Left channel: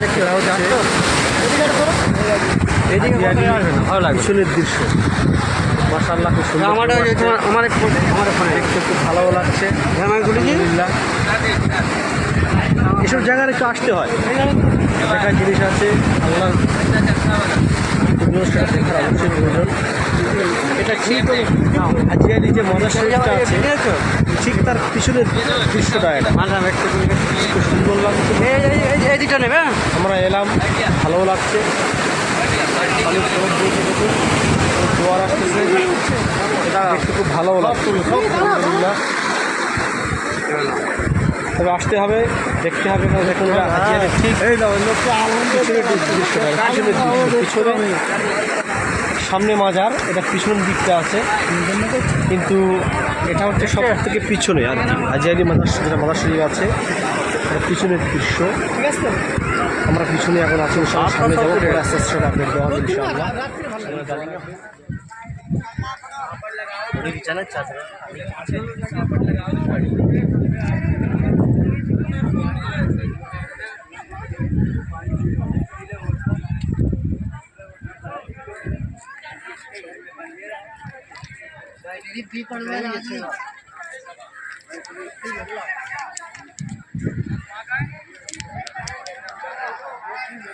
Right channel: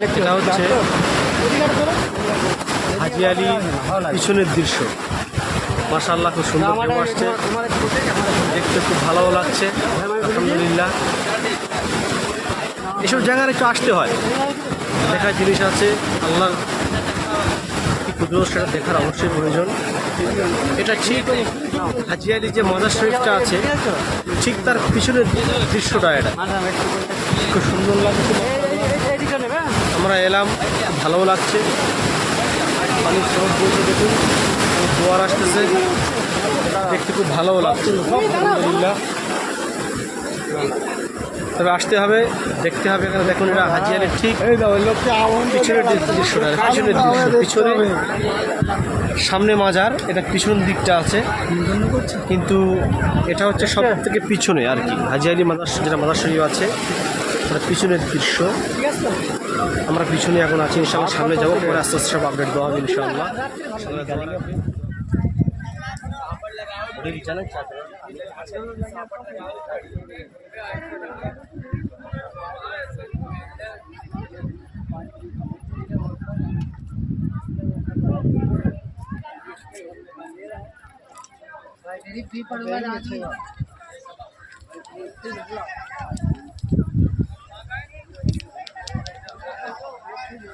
এটা হচ্ছে। পিছনের দৃশ্য। মাশাল্লাহ খুব সুন্দর দেখতে খুব ভালো লাগছে। আলহামদুলিল্লাহ। এসব জায়গায় একটু আসতে হয়। দেখার জিনিস আছে। আল্লাহ সেটা দেখার অবশ্যই প্রয়োজন। এটা ঠিক হাজিয়ালি যে মজার শরীফটা আছে, ঠিক তার পিছনের দৃশ্যটা এটা। খুব সুন্দর লাগছে। আমরা এলাম ভালো লাগছে। পানির বলছে জোয়ার আসতেছে। দেখতে খুব ভালোও লাগছে। তবে আসতে হবে, দেখতে হবে দেখুন এটা হাজিয়ারের ঠিক পিছনের দৃশ্যটা, পিছনের দৃশ্য। পিছনে সামনে মাজার, এটা পিছনের দিকটা আছে। কিন্তু এটা হচ্ছে সব থেকে পিছনে আর কি। হাজিয়ালি মাদার যেটা মাদার শরীফ আছে, এটা পিছনের দৃশ্য। আমরা পিছনে এখন আছি ইনশাল্লাহ সামনে যাব, পরে আস্তে আস্তে সব আপডেট দেওয়া হবে ইনশাল্লাহ भी पड़ रहा है